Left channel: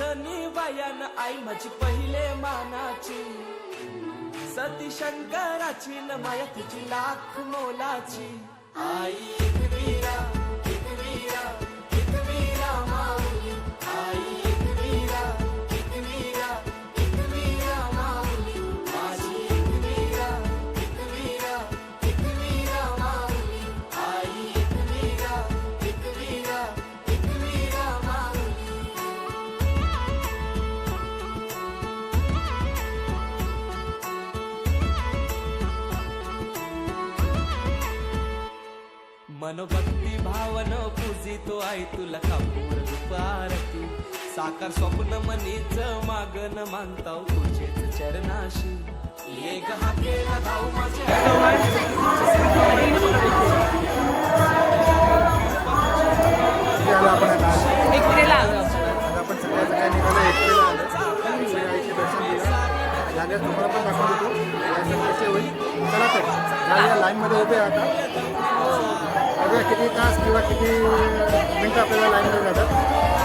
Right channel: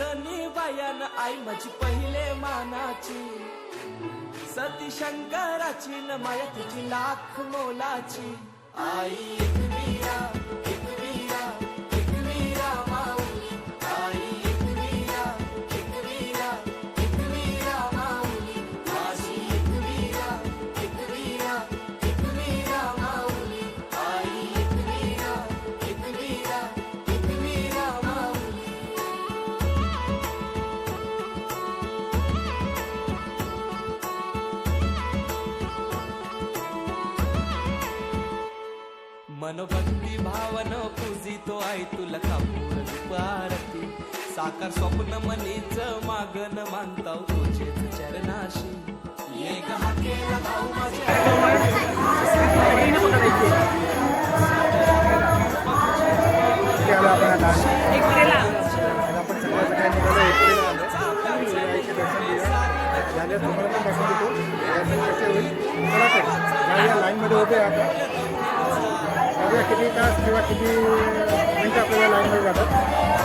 माझनी बायान आई माझी पहिले मानाची. सती शंकराची न माया तिची लाख मोलाची. आई मनोभक्ती भावन पूजितो आई तुला कापूर दुपारती साकार स्वप्न मनीच मागन मानताव तुझेच चरणाशी. ये गहा केला धाऊ माझ्या या लाईनमध्ये उभे आता बघूया किती तास किंवा किती मिनटं आपल्याला लाईनमध्ये जातात?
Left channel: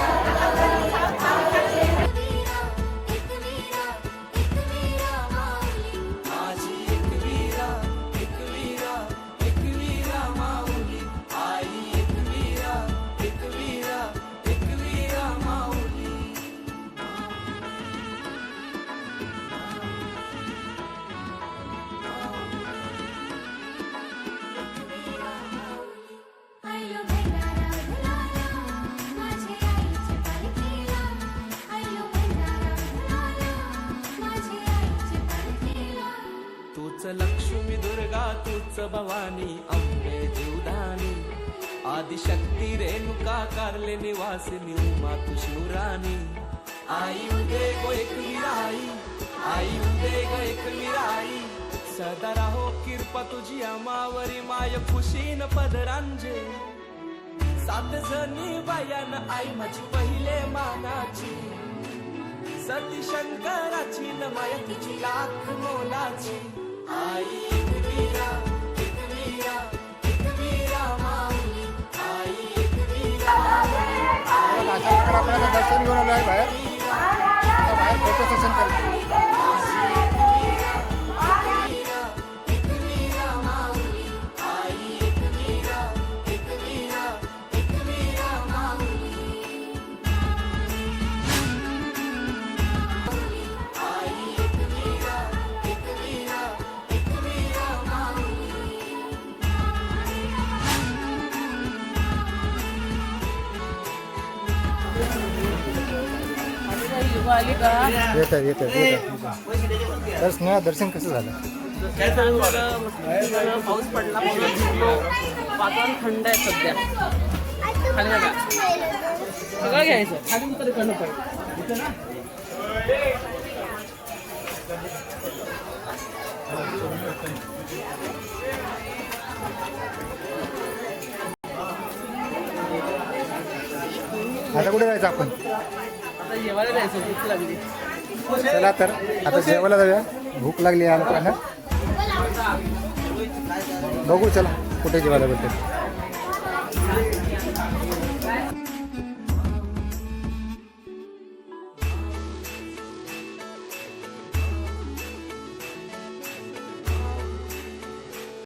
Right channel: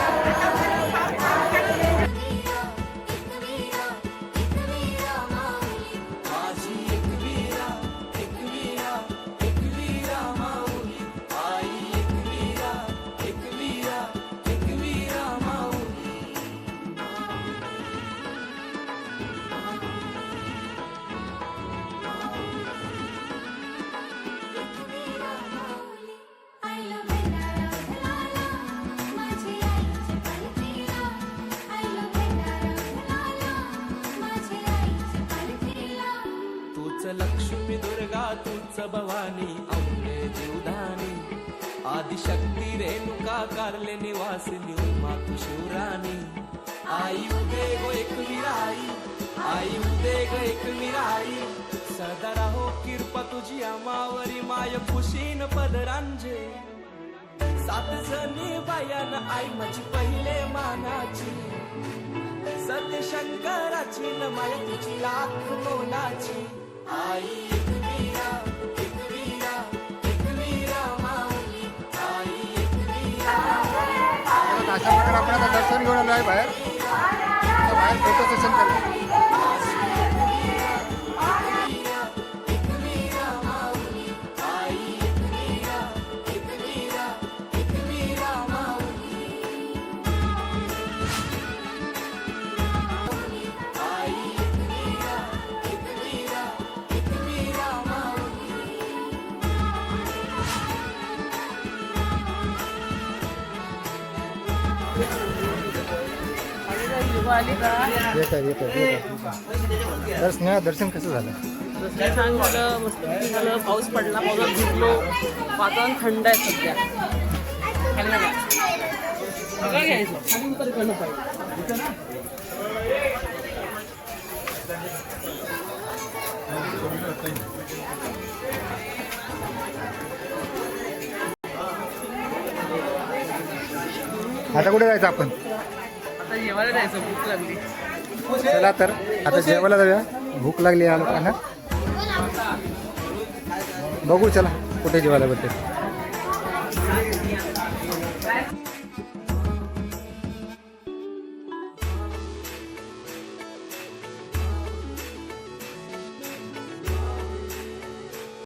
तूच लक्ष्मी दुर्गा तूच भवानी अंबे जीवदानी. आदिशक्ती रेणुका कारले निवासिनी उमा तू शिवराणी आई उदे गो एकवीरा आई आई उदे ग एकवीरा आई सदा राहो कृपा तुझी अमावरी माय खुशीन पदरांजे. सात जणी बायान आई माझी पहिले मानाची. सती शंकराची न माया तिची लाख मोलाची. आई एकवीरा अशा प्रकारे आपण आता दर्शन घेऊन आलो आहे बाहेर. आता बाहेर फोटो सेशन करतो येत आहे येत आहे तर स्नेहा दर्शन कसं झालं? छान झालं मस्त झालं पाऊस पडला पाऊस भिजलो वातावरण थंड आहे सध्या खाली बघा घ्यायचं आता कुठे जायचं आपण? चला तर आता जेवायला जाऊया. भूक लागली या लोकांना. बघू चला कुठे जेवायला भेटेल.